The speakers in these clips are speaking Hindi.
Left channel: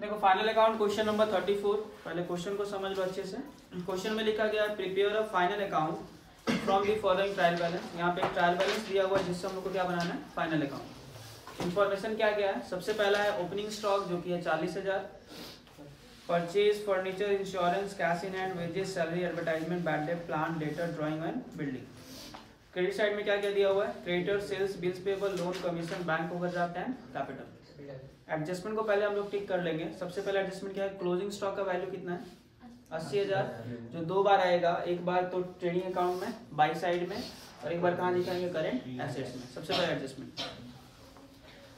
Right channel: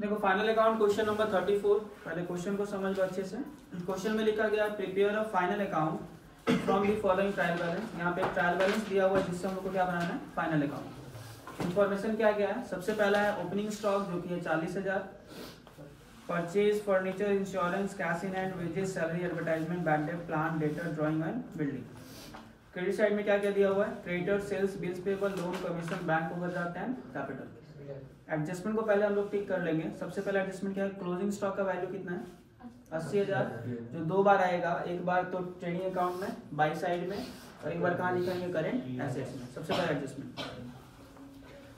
देखो फाइनल अकाउंट क्वेश्चन नंबर 34। पहले क्वेश्चन को समझ लो अच्छे से। क्वेश्चन में लिखा गया prepare a final account from the following trial balance. यहाँ पे ट्रायल बैलेंस दिया हुआ है जिससे हम लोग को क्या बनाना है, फाइनल अकाउंट। इन्फॉर्मेशन क्या क्या है, सबसे पहला है ओपनिंग स्टॉक जो कि है 40,000, purchase furniture insurance cash in hand wages salary advertisement bad debt plant debtor drawing and building. Credit side में क्या क्या दिया हुआ है, creditor sales bills payable loan commission bank overdraft and capital. Adjustment को पहले हम लोग टिक कर लेंगे। सबसे पहले एडजस्टमेंट क्या है, क्लोजिंग स्टॉक का वैल्यू कितना है 80,000, जो दो बार आएगा, एक बार तो ट्रेडिंग अकाउंट में बाई साइड में और एक बार कहाँ दिखाएंगे, करेंट एसेट्स में। सबसे पहले एडजस्टमेंट।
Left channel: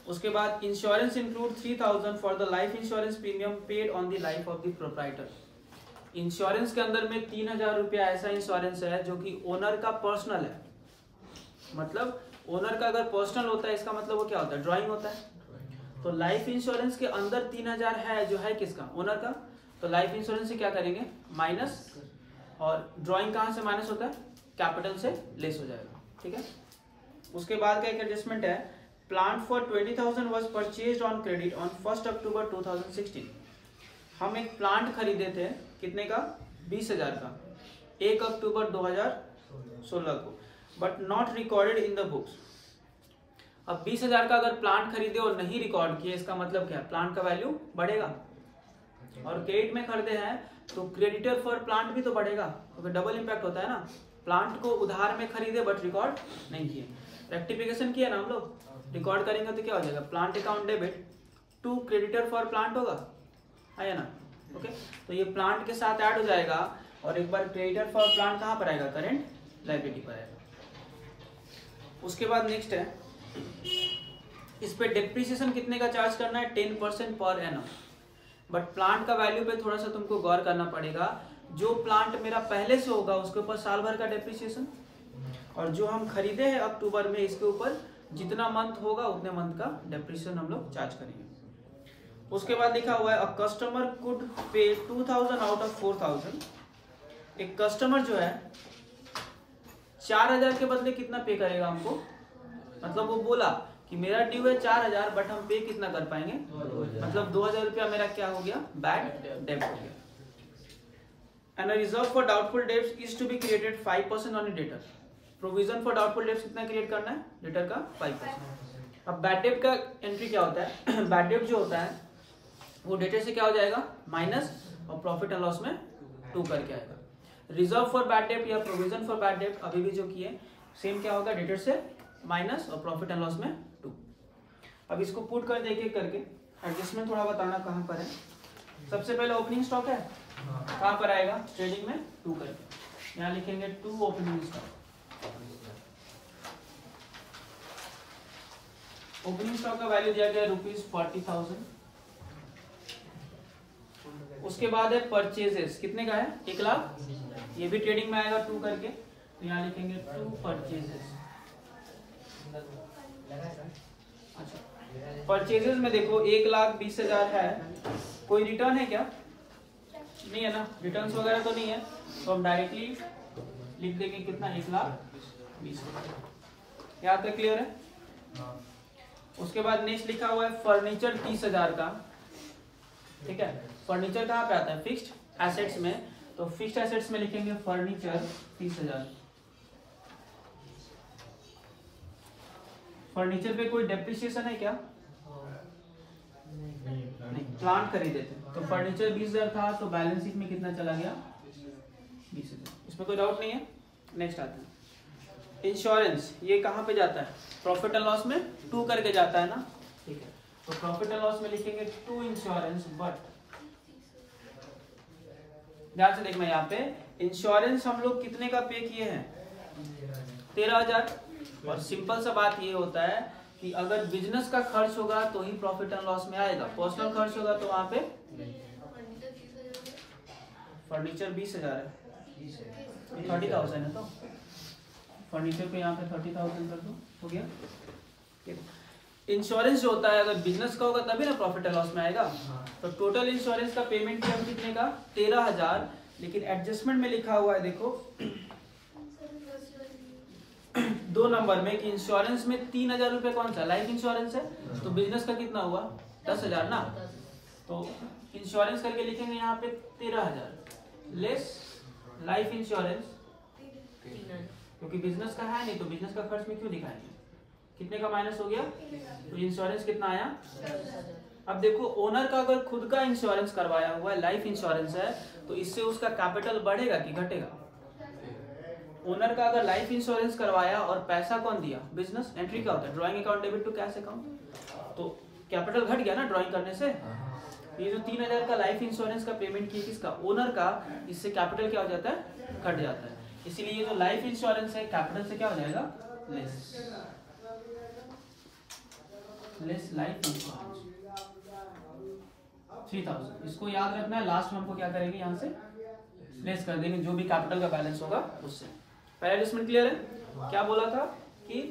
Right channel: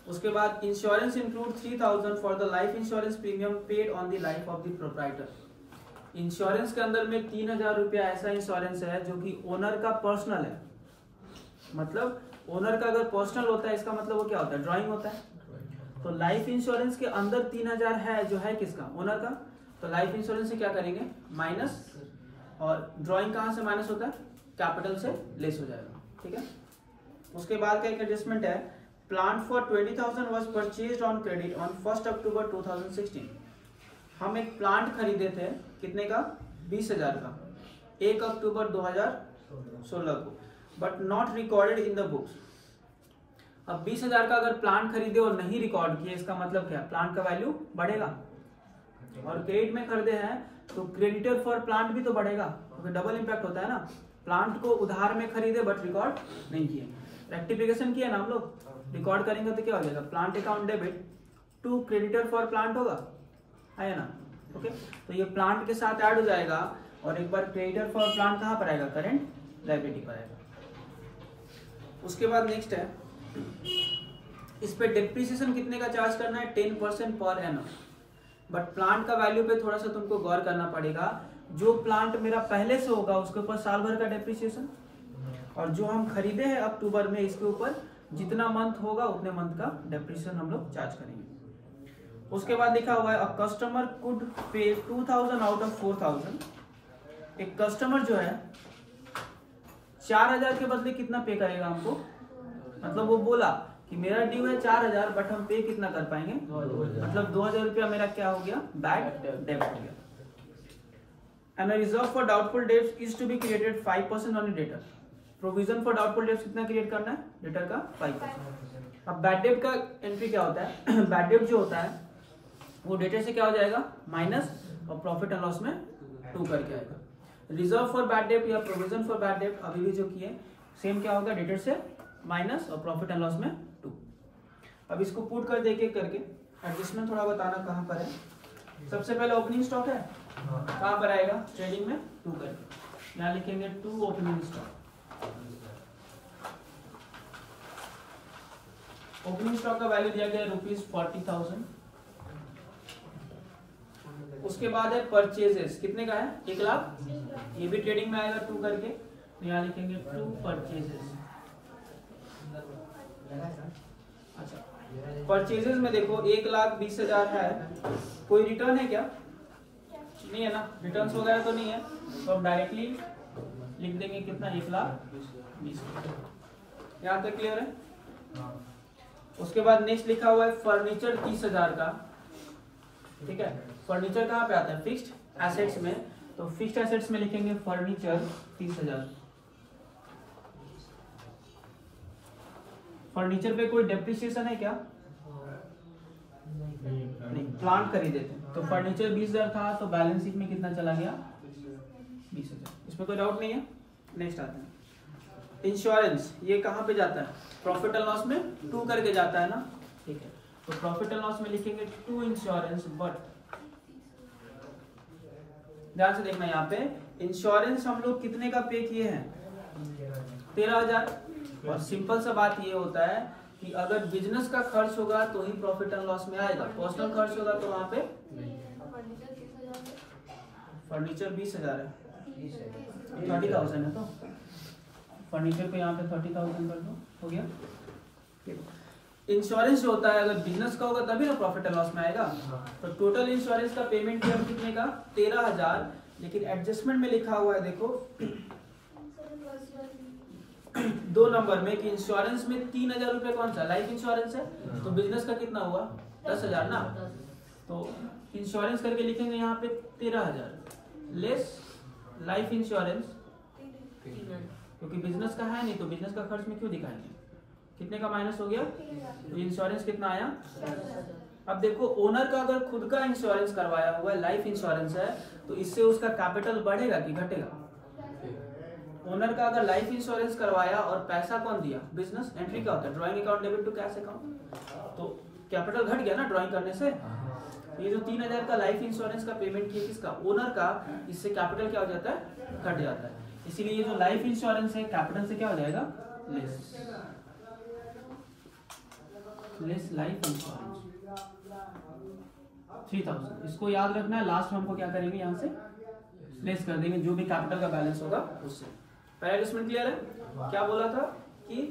उसके बाद insurance include 3,000 for the life insurance premium paid on the life of the proprietor. Insurance के अंदर में 3,000 रुपया ऐसा इंश्योरेंस है जो कि ओनर का पर्सनल है। मतलब ओनर का अगर पर्सनल होता है इसका मतलब वो क्या होता है, ड्राइंग होता है। तो लाइफ इंश्योरेंस के अंदर 3,000 है जो है किसका, ओनर का। तो लाइफ इंश्योरेंस से क्या करेंगे, माइनस, और ड्राइंग कहां से माइनस होता है, कैपिटल से लेस हो जाएगा। ठीक है। उसके बाद का एक एडजस्टमेंट है, plant for 20,000 was purchased on credit on 1 अक्टूबर 2016। हम एक प्लांट खरीदे थे कितने का, 20,000 का, 1 अक्टूबर 2016 को, but not recorded in the books. अब 20,000 का अगर प्लांट खरीदे और नहीं रिकॉर्ड किए, इसका मतलब क्या, प्लांट का वैल्यू बढ़ेगा। और क्रेडिट में खरीदे हैं तो क्रेडिटर फॉर प्लांट भी तो बढ़ेगा, क्योंकि डबल इंपैक्ट होता है ना। प्लांट को उधार में खरीदे बट रिकॉर्ड नहीं किए, रेक्टिफिकेशन किया ना हम लोग, रिकॉर्ड करेंगे तो क्या हो जाएगा, plant account debit to creditor for plant होगा, है ना। ओके, तो ये प्लांट के साथ ऐड हो जाएगा और एक बार क्रेडिटर फॉर प्लांट कहां पर आएगा, करेंट लायबिलिटी पर आएगा। उसके बाद नेक्स्ट है, इस पे डिप्रिसिएशन कितने का चार्ज करना है, 10% पर एनम। बट प्लांट का वैल्यू पे थोड़ा सा तुमको गौर करना पड़ेगा। जो प्लांट मेरा पहले से होगा उसके ऊपर साल भर का डिप्रिसिएशन, और जो हम खरीदे हैं अक्टूबर में इसके ऊपर जितना मंथ होगा उतने मंथ का डिप्रिसिएशन हम लोग चार्ज करेंगे। उसके बाद लिखा हुआ है अ कस्टमर कुड पे 2,000 आउट ऑफ 4,000। एक कस्टमर जो है 4,000 के बदले कितना पे करेगा हमको, मतलब वो बोला कि मेरा ड्यू है 4,000 बट हम पे कितना कर पाएंगे, मतलब 2,000 रुपया मेरा क्या हो गया, बैड डेब्ट हो गया। And reserve for doubtful debts is to be created 5% on debtor. Provision for doubtful debts कितना क्रिएट करना है, डेटर का 5%। अब बैड डेब्ट का एंट्री क्या होता है, बैड डेब्ट जो होता है वो डेटर से क्या हो जाएगा, माइनस, और प्रॉफिट एंड लॉस में 2 करके आएगा। रिजर्व फॉर बैड डेब्ट या प्रोविजन फॉर बैड डेब्ट अभी भी जो किए सेम क्या होगा, डेटर से माइनस और प्रॉफिट एंड लॉस में 2। अब इसको पुट कर दे करके एडजस्टमेंट थोड़ा बताना कहां पर है। सबसे पहले ओपनिंग स्टॉक है, कहां पर आएगा, ट्रेडिंग में 2 करके, यहां लिखेंगे 2 ओपनिंग स्टॉक। ओपनिंग स्टॉक का वैल्यू दिया गया ₹40,000। उसके बाद है परचेजेस, कितने का है, 1,00,000। ये भी ट्रेडिंग में आएगा 2 करके, तो यहाँ लिखेंगे 2 परचेजेस। अच्छा, परचेजेस में देखो 1,20,000 है, कोई रिटर्न है क्या, नहीं है ना, रिटर्न्स वगैरह तो नहीं है, तो हम डायरेक्टली लिख देंगे कितना, 1,20,000। यहाँ तक क्लियर है। उसके बाद नेक्स्ट लिखा हुआ है फर्नीचर 30,000 का। ठीक है, फर्नीचर कहाँ पे आता है, फिक्स्ड एसेट्स में, तो फिक्स्ड एसेट्स में लिखेंगे फर्नीचर 30,000। फर्नीचर पे कोई डेप्रिसिएशन है क्या, नहीं, प्लांट खरीदे थे तो फर्नीचर 20,000 था, तो बैलेंस शीट में कितना चला गया, 20,000। इसमें कोई डाउट नहीं है। नेक्स्ट आता है इंश्योरेंस, ये कहाँ पे जाता है, प्रॉफिट एंड लॉस में 2 करके जाता है ना। ठीक है, तो प्रॉफिट एंड लॉस में लिखेंगे 2 इंश्योरेंस, बट ध्यान से देखना यहाँ पे इंश्योरेंस हम लोग कितने का पे किए हैं, 13,000। और सिंपल सा बात ये होता है कि अगर बिजनेस का खर्च होगा तो ही प्रॉफिट एंड लॉस में आएगा, पर्सनल खर्च होगा तो वहां पे फर्नीचर 20,000 है, 30,000 है, तो फर्नीचर को यहाँ पे 30,000 कर दो, हो गया। इंश्योरेंस जो होता है अगर बिजनेस का होगा तभी ना प्रॉफिट एंड लॉस में आएगा। तो टोटल इंश्योरेंस का पेमेंट कितने का, 13,000। लेकिन एडजस्टमेंट में लिखा हुआ है देखो 2 नंबर में कि इंश्योरेंस में 3,000 रुपए कौन सा लाइफ इंश्योरेंस है, तो बिजनेस का कितना हुआ 10,000 ना, तो इंश्योरेंस करके लिखेंगे यहाँ पे 13,000 लेस लाइफ इंश्योरेंस, क्योंकि बिजनेस का है नहीं तो बिजनेस का खर्च में क्यों दिखाएंगे, कितने का माइनस हो गया, तो इंश्योरेंस कितना आया। अब देखो ओनर का अगर खुद का इंश्योरेंस करवाया हुआ है, लाइफ इंश्योरेंस है, तो इससे उसका कैपिटल बढ़ेगा कि घटेगा। ओनर का अगर लाइफ इंश्योरेंस करवाया और पैसा कौन दिया, बिजनेस, एंट्री क्या होता है, drawing account debit to cash account, तो कैपिटल घट गया ना ड्राइंग करने से। ये जो 3,000 का लाइफ इंश्योरेंस का पेमेंट किया किसका, ओनर का, इससे कैपिटल क्या हो जाता है, घट जाता है। इसीलिए ये जो लाइफ इंश्योरेंस है कैपिटल से क्या हो जाएगा, लेस लाइफ इंश्योरेंस 3,000। इसको याद रखना है, लास्ट में हमको क्या करेंगे, यहाँ से लेस कर देंगे जो भी कैपिटल का बैलेंस होगा उससे। पहला एडजस्टमेंट क्लियर है। क्या बोला था कि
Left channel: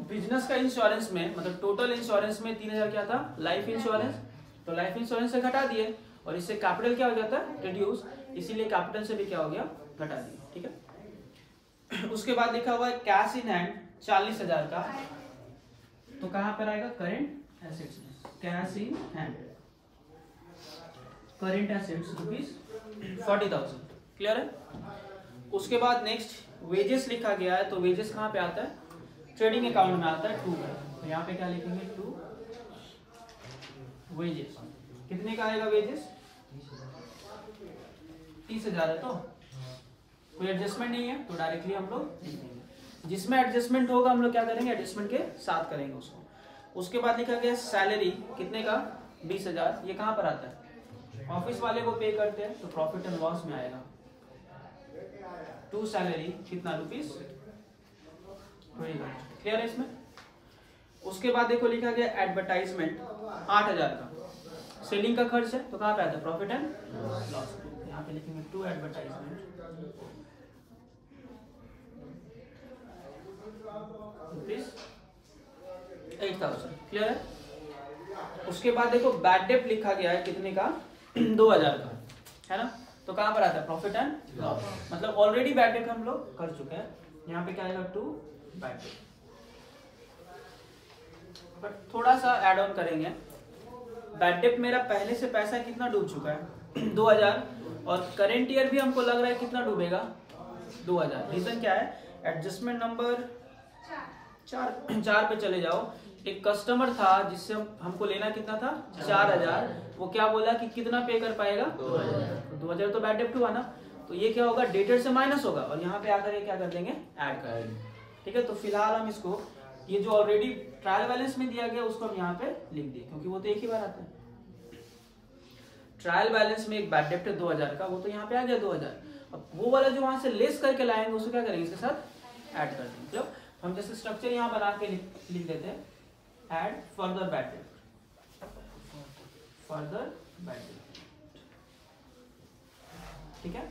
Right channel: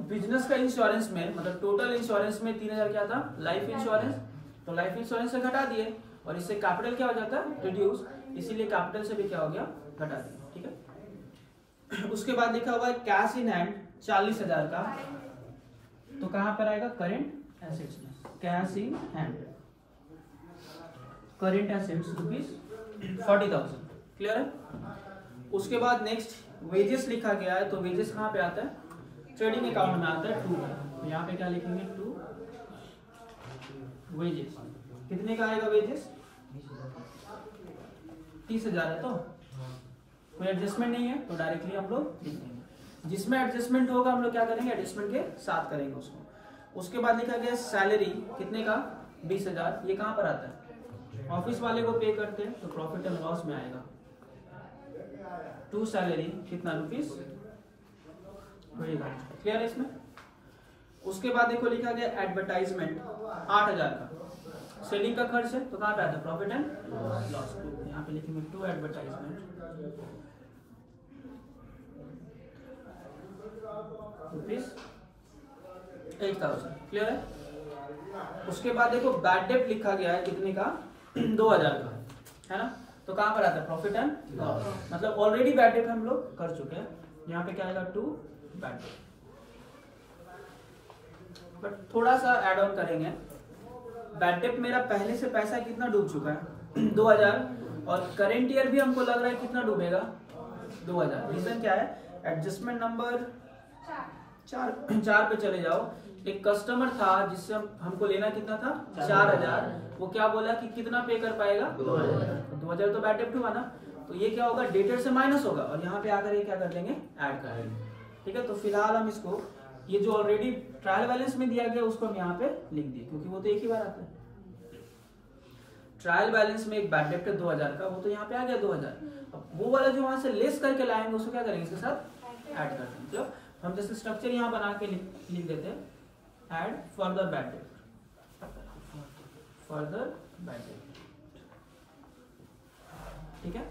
बिजनेस का इंश्योरेंस में, मतलब टोटल इंश्योरेंस में 3,000 क्या था, लाइफ इंश्योरेंस, तो लाइफ इंश्योरेंस से घटा दिए और इससे कैपिटल क्या हो जाता है, रिड्यूस, इसीलिए कैपिटल से भी क्या हो गया, घटा दिए। ठीक है। उसके बाद लिखा हुआ है कैश इन हैंड 40,000 का, तो कहां पर आएगा, करेंट एसेट्स में, cash in hand current assets ₹40,000। Clear है। उसके बाद नेक्स्ट वेजेस लिखा गया है, तो वेजेस कहां पे आता है, ट्रेडिंग अकाउंट में आता है 2 है, तो यहाँ पे क्या लिखेंगे 2 वेजेस, कितने का आएगा वेजेस, 30,000 है, तो कोई एडजस्टमेंट नहीं है तो डायरेक्टली हम लोग लिख देंगे। जिसमें एडजस्टमेंट होगा हम लोग क्या करेंगे, एडजस्टमेंट के साथ करेंगे उसको। उसके बाद लिखा गया सैलरी, कितने का, 20,000, ये कहां पर आता है, ऑफिस वाले को पे करते हैं तो प्रॉफिट एंड लॉस में आएगा। 2 सैलरी कितना, ₹20। क्लियर है इसमें। उसके बाद देखो लिखा गया एडवर्टाइजमेंट 8,000 का, सेलिंग का खर्च है, तो कहां पे आता है, प्रॉफिट एंड लॉस, यहाँ पे लिखेंगे 2 एडवर्टाइजमेंट ₹8,000। क्लियर है। उसके बाद देखो बैड डेट लिखा गया है, कितने का, 2,000 का, है ना, तो कहां पर आता है, प्रॉफिट एंड लॉस, मतलब ऑलरेडी बैड डेट हम लोग कर चुके हैं, यहाँ पे क्या आएगा 2 बैड डेट, बट थोड़ा सा एड ऑन करेंगे। बैड डेट मेरा पहले से पैसा कितना डूब चुका है, 2,000, और करेंट ईयर भी हमको लग रहा है कितना डूबेगा, 2,000। रीजन क्या है, एडजस्टमेंट नंबर 4 पे चले जाओ। एक कस्टमर था जिससे हमको लेना कितना था, 4,000, वो क्या बोला कि कितना पे कर पाएगा, 2,000, तो बैड डेट हुआ ना, तो ये क्या होगा, डेटेड से माइनस होगा और यहाँ पे आकर ये क्या कर देंगे, ऐड कर देंगे। ठीक है, तो फिलहाल हम इसको, ये जो ऑलरेडी ट्रायल बैलेंस में दिया गया उसको हम यहाँ पे लिख दिए, क्योंकि वो तो एक ही बार आता है। ट्रायल बैलेंस में एक बैड डेट है 2,000 का, वो तो यहाँ पे आ गया 2,000, अब वो वाला जो वहां से लेस करके लाएंगे उसको क्या करेंगे, इसके साथ ऐड कर देंगे। मतलब हम जैसे स्ट्रक्चर यहाँ बना के लिख देते हैं, add further bad debt, further bad debt. ठीक है,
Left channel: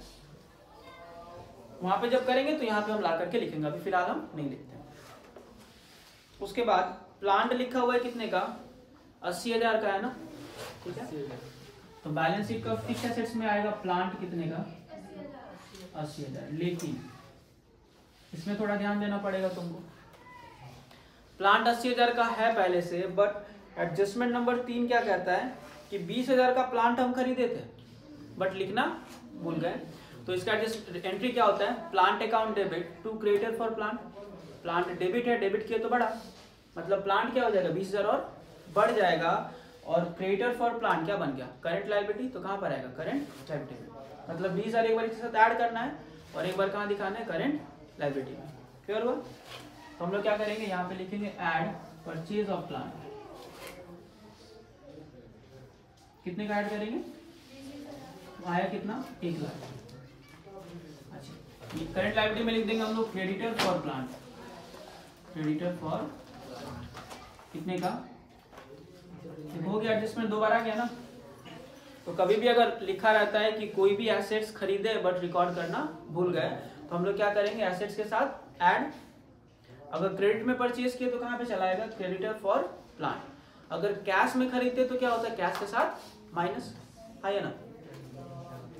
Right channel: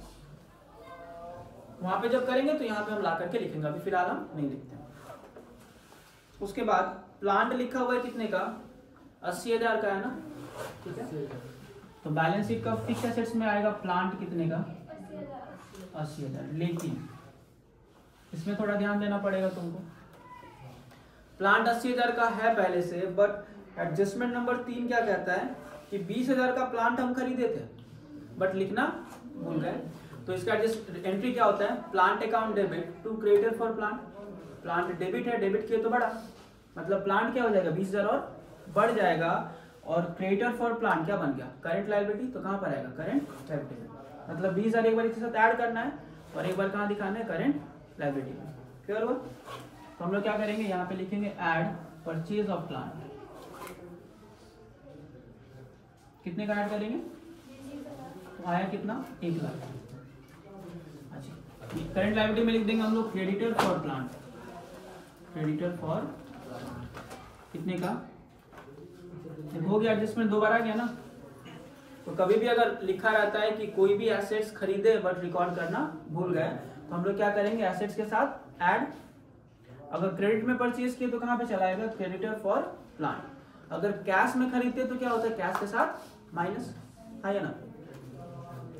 वहां पे जब करेंगे तो यहाँ पे हम ला करके लिखेंगे, अभी फिलहाल हम नहीं लिखते हैं। उसके बाद प्लांट लिखा हुआ है कितने का, 80,000 का है ना। ठीक है, तो बैलेंस शीट का फिक्स एसेट्स में आएगा प्लांट कितने का, 80,000, लेकिन इसमें थोड़ा ध्यान देना पड़ेगा तुमको। प्लांट 80,000 का है पहले से, बट एडजस्टमेंट नंबर 3 क्या कहता है कि 20,000 का प्लांट हम खरीदे थे बट लिखना भूल गए, तो इसका एंट्री क्या होता है, plant account debit to creditor for plant. Plant debit है, डेबिट किया तो बढ़ा, मतलब प्लांट क्या हो जाएगा 20,000 और बढ़ जाएगा, और क्रेडिटर फॉर प्लांट क्या बन गया, करेंट लायबिलिटी, तो कहां पर आएगा, करेंट लायबिलिटी में। मतलब 20,000 एक बार इसके साथ ऐड करना है और एक बार कहां दिखाना है, करेंट लायबिलिटी में। क्लियर हुआ। तो हम लोग क्या करेंगे, यहाँ पे लिखेंगे ऐड परचेज ऑफ प्लांट, कितने का ऐड करेंगे, तो आया कितना, 1 लाख। अच्छा, करंट लायबिलिटी में लिख देंगे हम लोग creditor for plant, creditor for कितने का, हो गया एडजस्टमेंट, 2 बार आ गया ना। तो कभी भी अगर लिखा रहता है कि कोई भी एसेट्स खरीदे बट रिकॉर्ड करना भूल गए, तो हम लोग क्या करेंगे, एसेट्स के साथ ऐड। अगर क्रेडिट में परचेज किए तो कहां पे चला जाएगा, क्रेडिटर फॉर प्लांट। अगर कैश में खरीदते तो क्या होता है, कैश के साथ माइनस, है ना।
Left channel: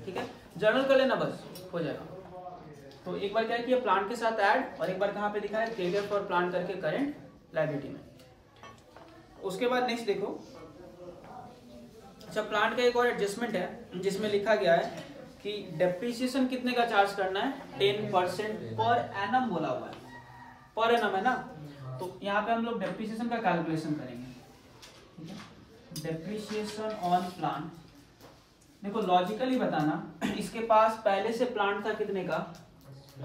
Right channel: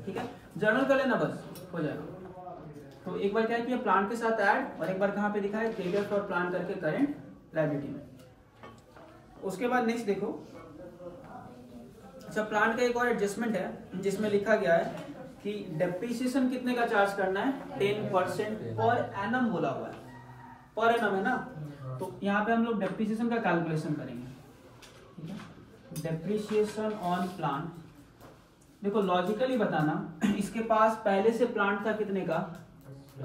ठीक है, जर्नल कर लेना, बस हो जाएगा। तो एक बार क्या किया प्लांट के साथ ऐड, और एक बार कहाँ पे दिखा है क्रेडिट फॉर प्लांट करके करंट लायबिलिटी में। उसके बाद नेक्स्ट देखो, अच्छा प्लांट का एक और एडजस्टमेंट है जिसमें लिखा गया है कि डेप्रिसिएशन कितने का चार्ज करना है, 10% पर एनम बोला हुआ है, पर एनम है ना। तो यहाँ पे हम लोग डेप्रिसिएशन का कैलकुलेशन करेंगे, ठीक है। डेप्रिसिएशन ऑन प्लांट, देखो लॉजिकली बताना, इसके पास पहले से प्लांट था कितने का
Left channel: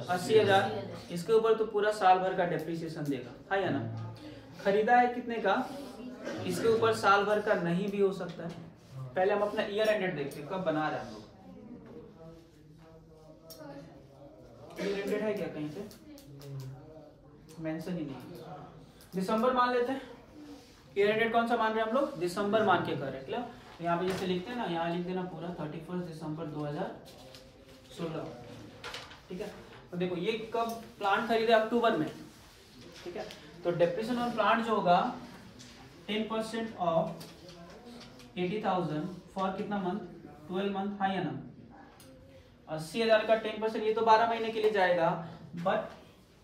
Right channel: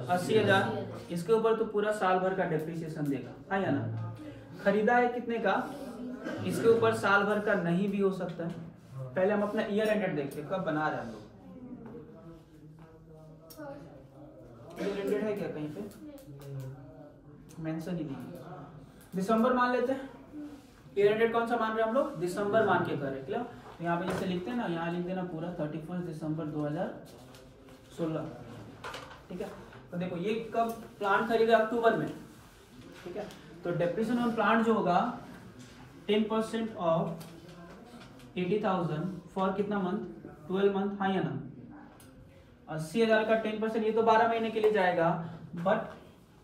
80,000, इसके ऊपर तो पूरा साल भर का डेप्रिसिएशन देगा, है या ना। खरीदा है कितने का, इसके ऊपर साल भर का नहीं भी हो सकता है। पहले हम अपना ईयर एंडेड देखते हैं, कब बना रहे हैं हम लोग, ईयर एंडेड है क्या कहीं पे, मेंशन ही नहीं। दिसंबर मान लेते हैं, ईयर एंडेड कौन सा मान रहे हैं हम लोग, दिसंबर मान के कर रहे हैं। तो यहाँ पे जैसे लिखते हैं ना, यहाँ लिख देना पूरा 31 दिसंबर 2016, ठीक है। तो देखो ये कब प्लांट खरीदे, अक्टूबर में, ठीक है। तो डेप्रिसिएशन ऑन प्लांट जो होगा 10% ऑफ 80,000 फॉर कितना मंथ, 12 मंथ, हाँ या ना। 80,000 का 10%, ये तो 12 महीने के लिए जाएगा, बट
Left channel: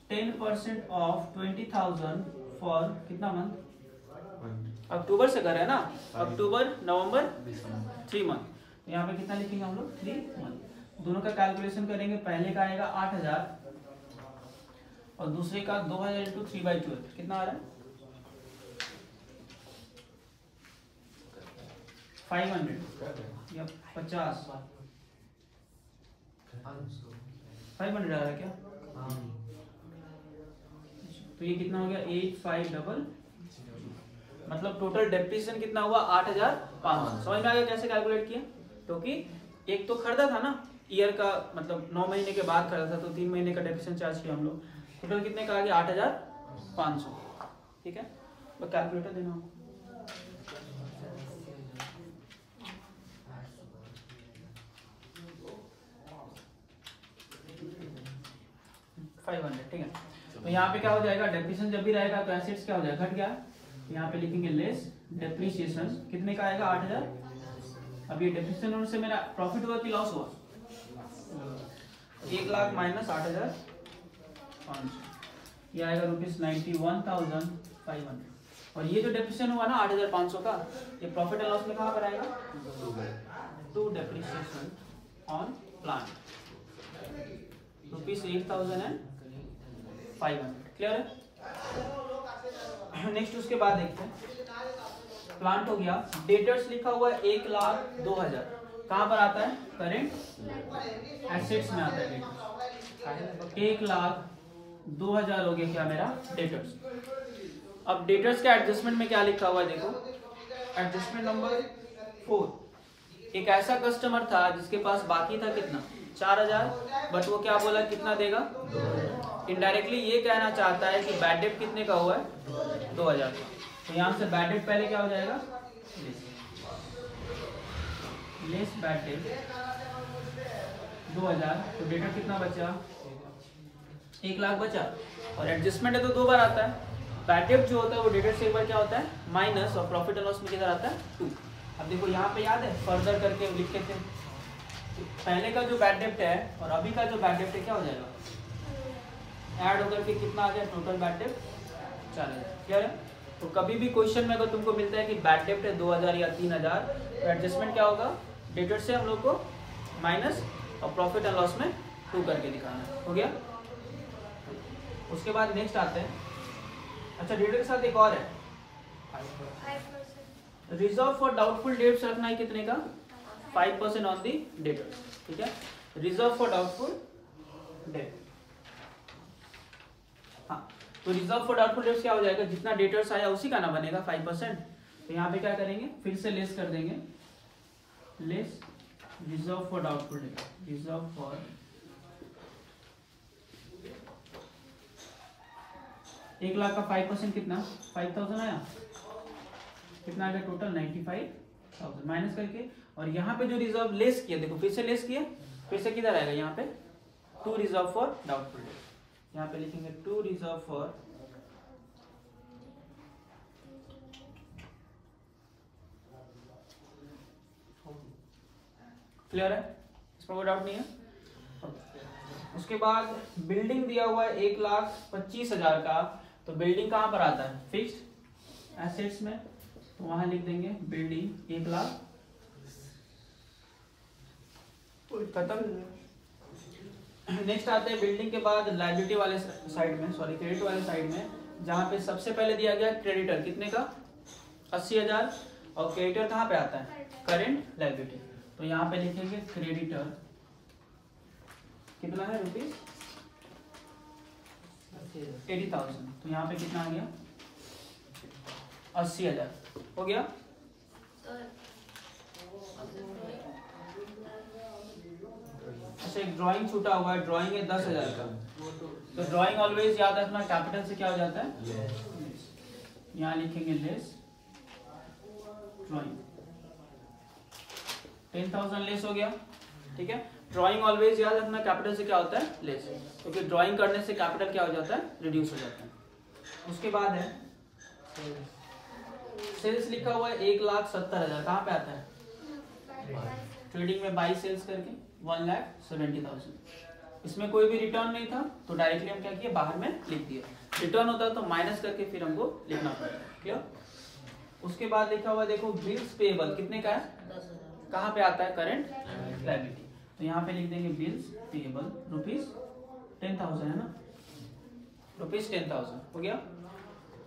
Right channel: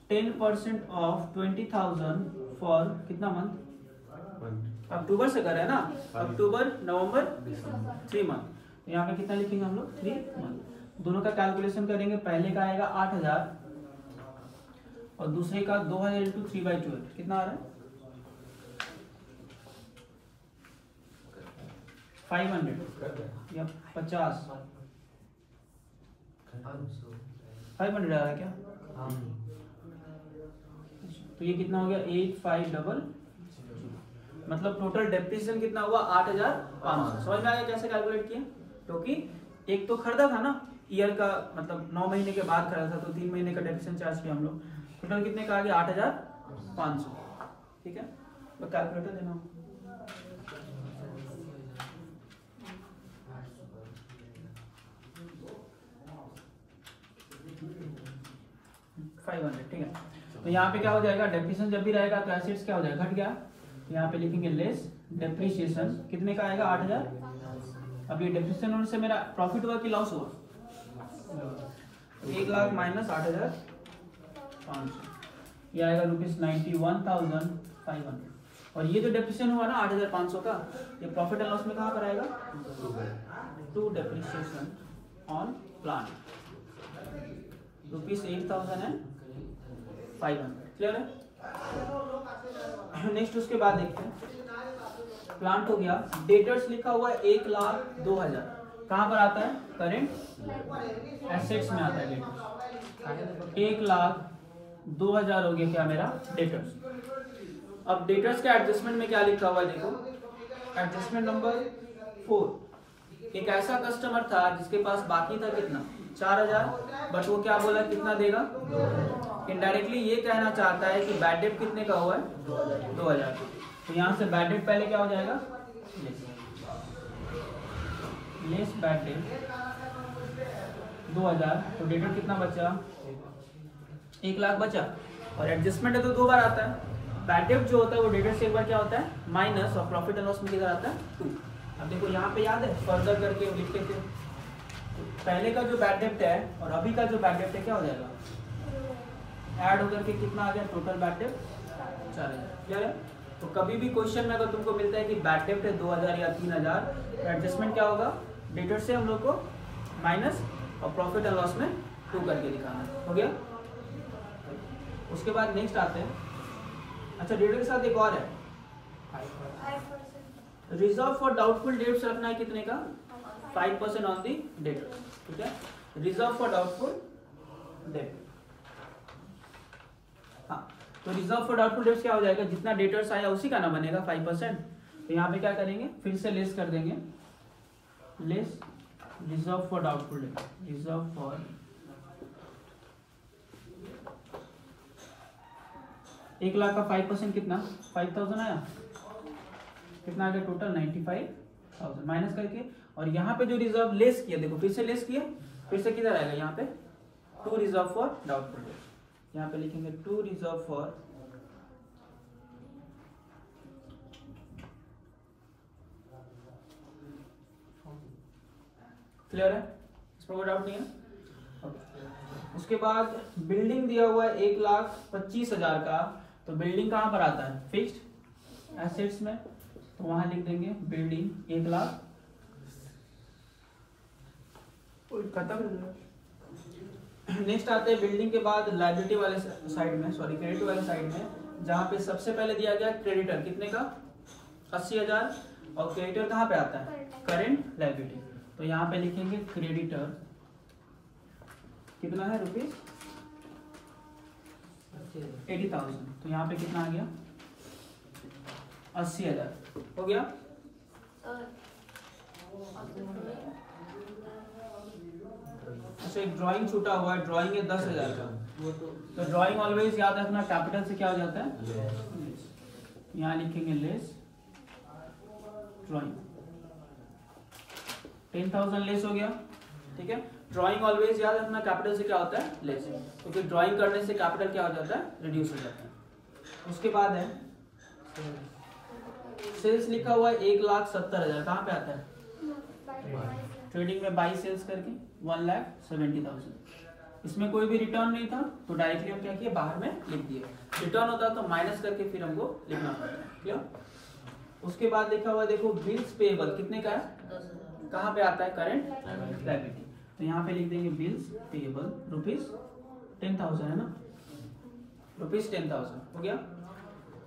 10% ऑफ 20,000 फॉर कितना मंथ, अक्टूबर से कर रहे हैं ना, अक्टूबर नवंबर 3 मंथ। तो यहाँ पे कितना लिखेंगे हम लोग 3 मंथ। दोनों का कैलकुलेशन करेंगे, पहले का आएगा 8,000 और दूसरे का 2,000 इंटू 3/12 कितना आ रहा है 500 या 50, 500 आ रहा है क्या, तो ये कितना हो गया 8500, मतलब टोटल डेप्रिसिएशन कितना हुआ 8,500। समझ में आ गया कैसे कैलकुलेट किया, क्योंकि एक तो खरीदा था ना ईयर का, मतलब 9 महीने के बाद खरीदा था, तो 3 महीने का डेप्रिसिएशन चार्ज किया हम लोग, टोटल कितने का आ गया 8,500, ठीक है। बस कैलकुलेटर देना हो, ठीक है। तो यहाँ पे क्या हो जाएगा, डेप्रिसिएशन जब भी रहेगा तो एसेट्स क्या हो जाएगा, घट गया। तो यहाँ पे लिखेंगे लेस डेप्रिसिएशन कितने का आएगा 8,000। अब ये डेप्रिसिएशन होने से मेरा प्रॉफिट हुआ कि लॉस हुआ, 1,00,000 माइनस 8,500, ये आएगा ₹91,500। और ये जो डेप्रिसिएशन हुआ ना 8,500 का, ये प्रॉफिट एंड लॉस में कहाँ पर आएगा, to depreciation on plant ₹8,500, clear है। नेक्स्ट उसके बाद देखते हैं, प्लांट हो गया, डेटर्स लिखा हुआ है 1,02,000, कहां पर आता है, करेंट एसेट्स में आता है डेटर्स। 1,02,000 हो गया क्या मेरा डेटर्स। अब डेटर्स के एडजस्टमेंट में क्या लिखा हुआ है, देखो एडजस्टमेंट नंबर 4, एक ऐसा कस्टमर था जिसके पास बाकी था कितना 4,000, बट वो क्या बोला कितना देगा, इनडायरेक्टली ये कहना चाहता है कि बैड डेट कितने का हुआ है 2,000। तो यहाँ से बैड डेट पहले क्या हो जाएगा, लेस बैड डेट 2,000, तो डेटर कितना बचा 1,00,000 बचा। और एडजस्टमेंट है तो 2 बार आता है, बैड डेट जो होता है वो डेटर से एक बार क्या होता है माइनस, और प्रॉफिट एंड लॉस में किधर आता है 2। अब देखो यहाँ पे याद है फर्दर करके लिखते थे, पहले का जो बैड डेट है और अभी का जो बैड डेट है क्या हो जाएगा, ऐड होकर के कितना आ गया टोटल बैड डेट 4,000, क्लियर है। तो कभी भी क्वेश्चन में अगर तुमको मिलता है कि बैड डेट है 2,000 या 3,000, तो एडजस्टमेंट क्या होगा, डेटर से हम लोग को माइनस और प्रॉफिट एंड लॉस में 2 करके दिखाना है, हो गया। उसके बाद नेक्स्ट आते हैं, अच्छा डेटर के साथ एक और है, रिजर्व फॉर डाउटफुल डेट्स रखना है कितने का 5% ऑन दी डेटर्स, ठीक है। रिजर्व फॉर डाउटफुल डेट, हाँ तो रिजर्व फॉर डाउटफुल डेट्स क्या हो जाएगा, जितना डेटर्स आया उसी का ना बनेगा 5%। तो यहाँ पे क्या करेंगे, फिर से लेस कर देंगे, less reserve for doubtful date, reserve for 1,00,000 का 5% कितना 5,000 आया, कितना आ गया टोटल 95,000 माइनस करके। और यहाँ पे जो रिजर्व लेस किया, देखो फिर से लेस किया, फिर से किधर आएगा यहाँ पे to reserve for doubtful debt, यहाँ पे लिखेंगे टू रिजर्व फॉर क्लियर है, इसमें कोई डाउट नहीं है। उसके बाद बिल्डिंग दिया हुआ है 1,25,000 का, तो बिल्डिंग कहाँ पर आता है, फिक्स्ड एसेट्स में, तो वहां लिख देंगे बिल्डिंग 1 लाख, खत्म। नेक्स्ट आते हैं बिल्डिंग के बाद लायबिलिटी वाले साइड में, सॉरी क्रेडिट वाले साइड में, जहां पे सबसे पहले दिया गया क्रेडिटर कितने का 80,000, और क्रेडिटर कहाँ पे आता है, करेंट लायबिलिटी, तो यहाँ पे लिखेंगे क्रेडिटर कितना है रुपीज 80,000, तो यहाँ पे कितना आ गया 80,000 हो गया। अच्छा एक ड्राइंग छूटा हुआ है, ड्राइंग है 10,000 का, तो ड्राइंग ऑलवेज याद रखना कैपिटल से क्या हो जाता है, यहाँ लिखेंगे लेस ड्राइंग, 10,000 लेस हो गया, ठीक है। ड्राइंग ऑलवेज याद रखना कैपिटल से क्या होता है, लेस, क्योंकि ड्राइंग करने से कैपिटल क्या हो जाता है, रिड्यूस हो जाता है। उसके बाद है सेल्स लिखा हुआ है 1,70,000, कहाँ पे आता है, ट्रेडिंग में बाई सेल्स करके 1,70,000, इसमें कोई भी रिटर्न नहीं था, तो डायरेक्टली हम क्या किए, बाहर में लिख दिए, रिटर्न होता तो माइनस करके फिर हमको लिखना पड़ेगा, क्या। उसके बाद लिखा हुआ देखो बिल्स पेएबल कितने का है, कहाँ पे आता है, करंट लायबिलिटी, तो यहाँ पे लिख देंगे बिल्स पेएबल रुपीज 10,000 है ना, रुपीज 10,000 हो गया।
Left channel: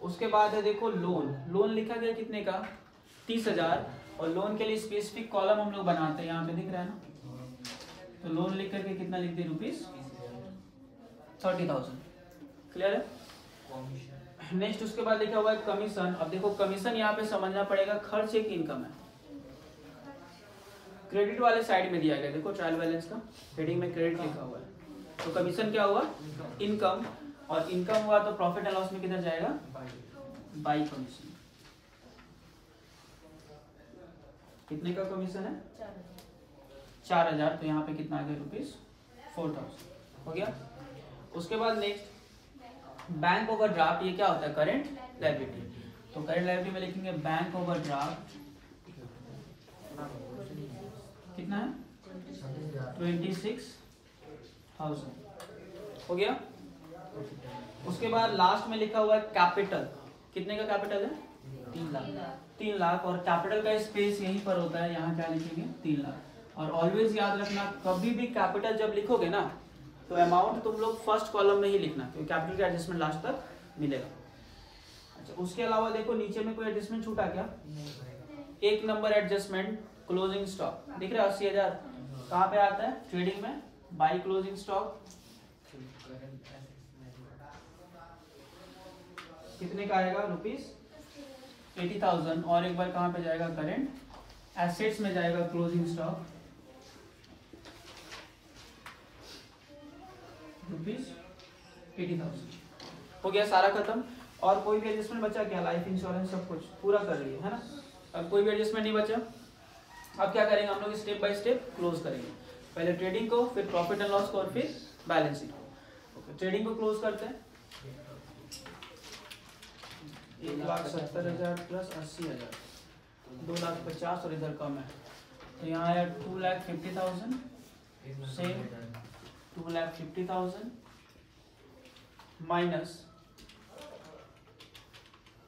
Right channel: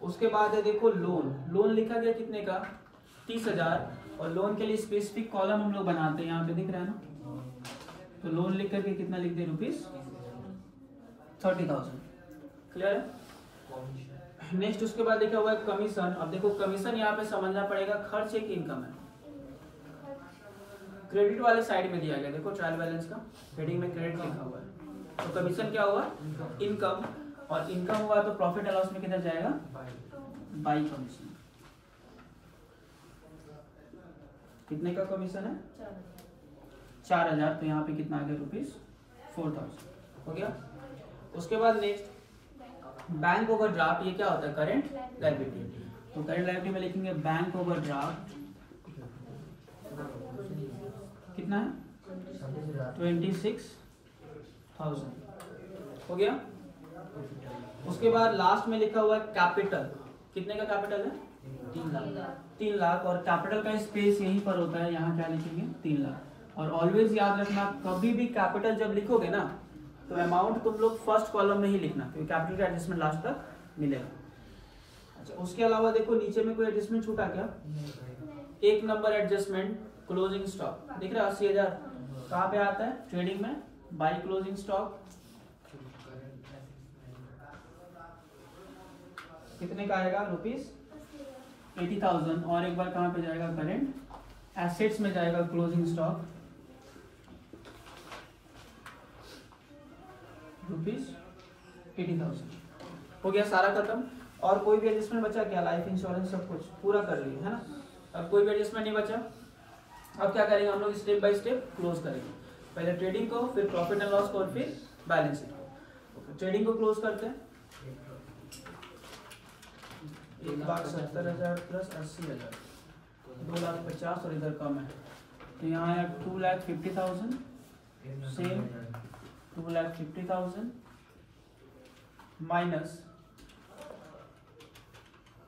उसके बाद है देखो लोन, लोन लिखा गया कितने का 30,000, और लोन के लिए स्पेसिफिक कॉलम हम लोग बनाते हैं, यहाँ पे दिख रहा है ना, तो लोन लिख करके कितना लिख दे, रुपीज 30,000, क्लियर है। नेक्स्ट उसके बाद लिखा हुआ है कमीशन, अब देखो कमीशन यहाँ पे समझना पड़ेगा, खर्च एक इनकम है, क्रेडिट वाले साइड में दिया गया, देखो ट्रायल बैलेंस का हेडिंग में क्रेडिट लिखा हुआ है, तो कमीशन क्या हुआ, इनकम, और इनकम हुआ तो प्रॉफिट एंड लॉस में किधर जाएगा, बाई कमीशन, कितने का कमीशन है 4,000, तो यहाँ पे कितना आ गया, रुपीज 4,000 हो गया। उसके बाद नेक्स्ट बैंक ओवरड्राफ्ट, ये क्या होता है, करेंट लायबिलिटी, तो करेंट लायबिलिटी में लिखेंगे बैंक ओवरड्राफ्ट कितना है 26,000 हो गया। उसके बाद लास्ट में लिखा हुआ है कैपिटल, कितने का कैपिटल है 3 लाख, और कैपिटल का स्पेस यहीं पर होता है, यहाँ क्या लिखेंगे 3 लाख, और ऑलवेज याद रखना कभी भी कैपिटल जब लिखोगे ना, तो अमाउंट तुम लोग फर्स्ट कॉलम में ही लिखना, क्योंकि कैपिटल का एडजस्टमेंट लास्ट तक मिलेगा। अच्छा उसके अलावा देखो नीचे में कोई एडजस्टमेंट छूटा क्या, एक नंबर एडजस्टमेंट क्लोजिंग स्टॉक दिख रहा है 80,000, कहाँ पे आता है, ट्रेडिंग में बाई क्लोजिंग स्टॉक कितने का आएगा, रुपीज 80,000, और एक बार कहाँ पे जाएगा, करेंट एसेट्स में जाएगा क्लोजिंग स्टॉक रुपीज 80,000 हो गया, सारा खत्म। और कोई भी एडजस्टमेंट बचा क्या, लाइफ इंश्योरेंस सब कुछ पूरा कर लिया है ना, अब कोई भी एडजस्टमेंट नहीं बचा। अब क्या करेंगे हम लोग, स्टेप बाय स्टेप क्लोज करेंगे, पहले ट्रेडिंग को, फिर प्रॉफिट एंड लॉस को, और फिर बैलेंस शीट को। ओके ट्रेडिंग को क्लोज करते हैं, 1,70,000 प्लस 80,000 2,50,000, और इधर कम है, तो यहाँ आया 2,50,000, सेम 2,50,000 माइनस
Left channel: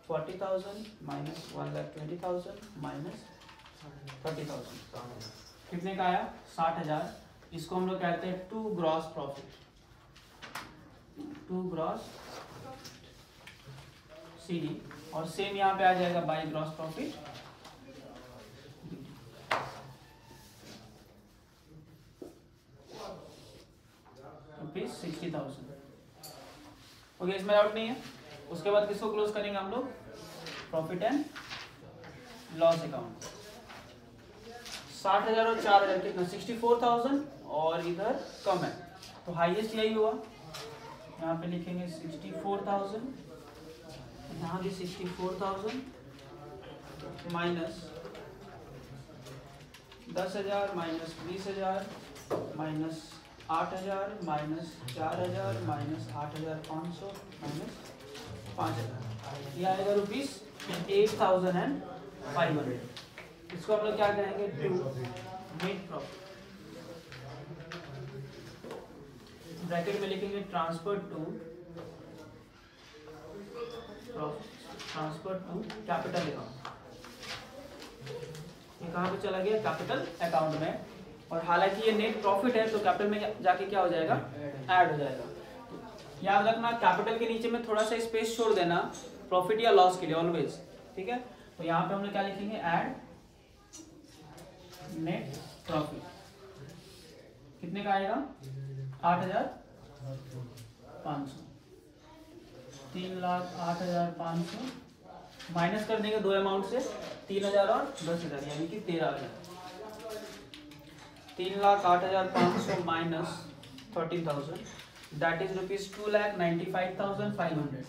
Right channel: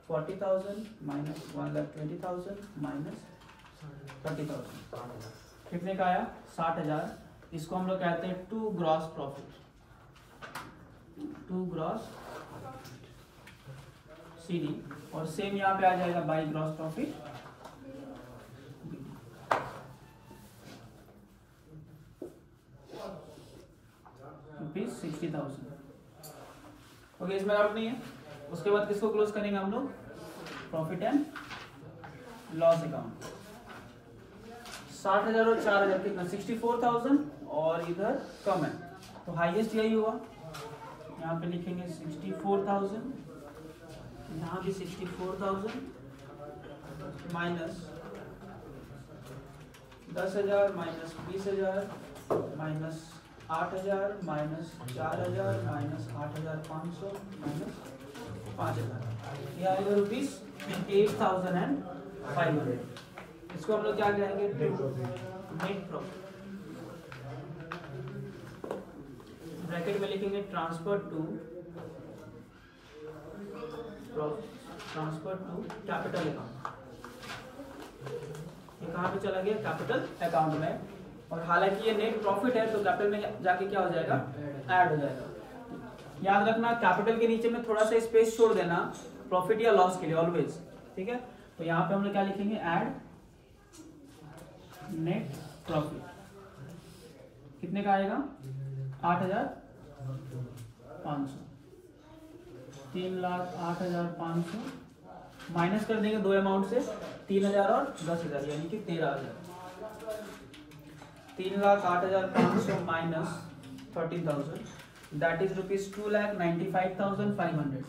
40,000 माइनस 1,20,000 माइनस 30,000, कितने का आया 60,000। इसको हम लोग कहते हैं to gross profit, to gross CD, और सेम यहाँ पे आ जाएगा बाई ग्रॉस प्रॉफिट, रुपीज 60,000 हो गया, इसमें डाउट नहीं है। उसके बाद किसको क्लोज करेंगे हम लोग, प्रॉफिट एंड लॉस अकाउंट, 60,000 और 4,000 कितना 64,000, और इधर कम है तो हाईएस्ट यही हुआ, यहाँ पे लिखेंगे 64,000, यहाँ भी 64,000 minus 10,000 minus 20,000 minus 8,000 minus 4,000 minus 8,500 minus 5,000, ये आएगा रुपीज 8,500। इसको हम लोग क्या कहेंगे, नेट प्रॉफिट। ब्रैकेट में लिखेंगे ट्रांसफर टू कैपिटल अकाउंट। ये कहाँ पे चला गया? कैपिटल अकाउंट में। और हालांकि ये नेट प्रॉफिट है तो कैपिटल में जाके क्या हो जाएगा? ऐड हो जाएगा। याद रखना कैपिटल के नीचे में थोड़ा सा स्पेस छोड़ देना प्रॉफिट या लॉस के लिए ऑलवेज, ठीक है। तो यहाँ पे हम लोग क्या लिखेंगे? Add net profit. कितने का आएगा? 8,500। 3,08,500 माइनस कर देंगे दो अमाउंट से, 3,000 और 10,000 यानी कि 13,000। 3,08,500 माइनस 13,000 दैट इज ₹2,95,500।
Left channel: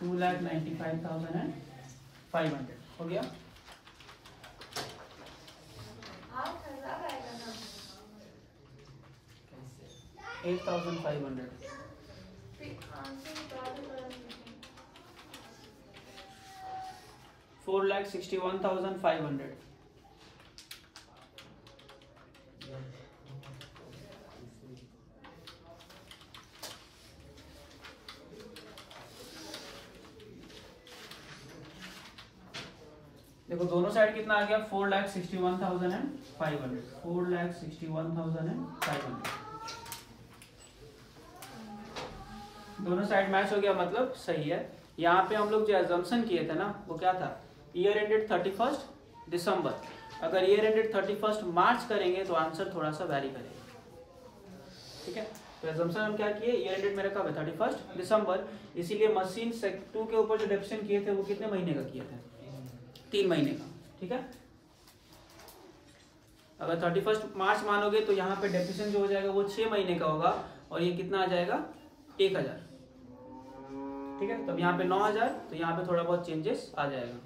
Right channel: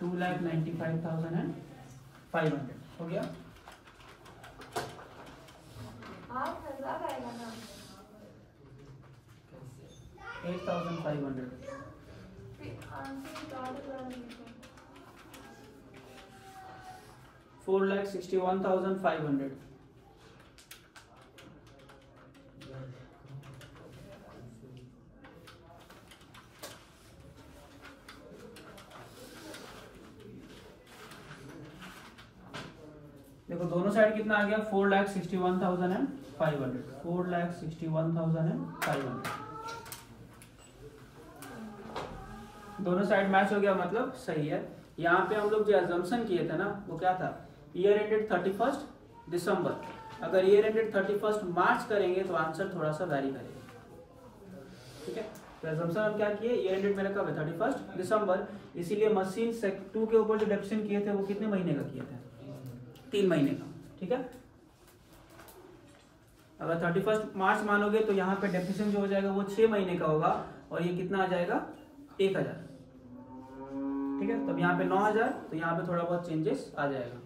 2,95,500 हो गया। 8,500 4,61,500। देखो दोनों साइड कितना आ गया? 4,61,500। 4,61,500 दोनों साइड मैच हो गया, मतलब सही है। यहाँ पे हम लोग जो अजम्पशन किए थे ना वो क्या था? ईयर एंडेड 31 दिसंबर। अगर ईयर एंडेड 31 मार्च करेंगे तो आंसर थोड़ा सा वैरी करेगा, ठीक है। तो अजम्पशन हम क्या किए? ईयर एंडेड मेरा कब है? 31 दिसंबर। इसीलिए मशीन 2 के ऊपर जो डेप्शन किए थे वो कितने महीने का किए थे? 3 महीने का, ठीक है। अगर 31 मार्च मानोगे तो यहाँ पे डेप्रिसिएशन जो हो जाएगा वो 6 महीने का होगा और ये कितना आ जाएगा? 1,000, ठीक है। तब यहाँ पे 9,000, तो यहाँ पे थोड़ा बहुत चेंजेस आ जाएगा।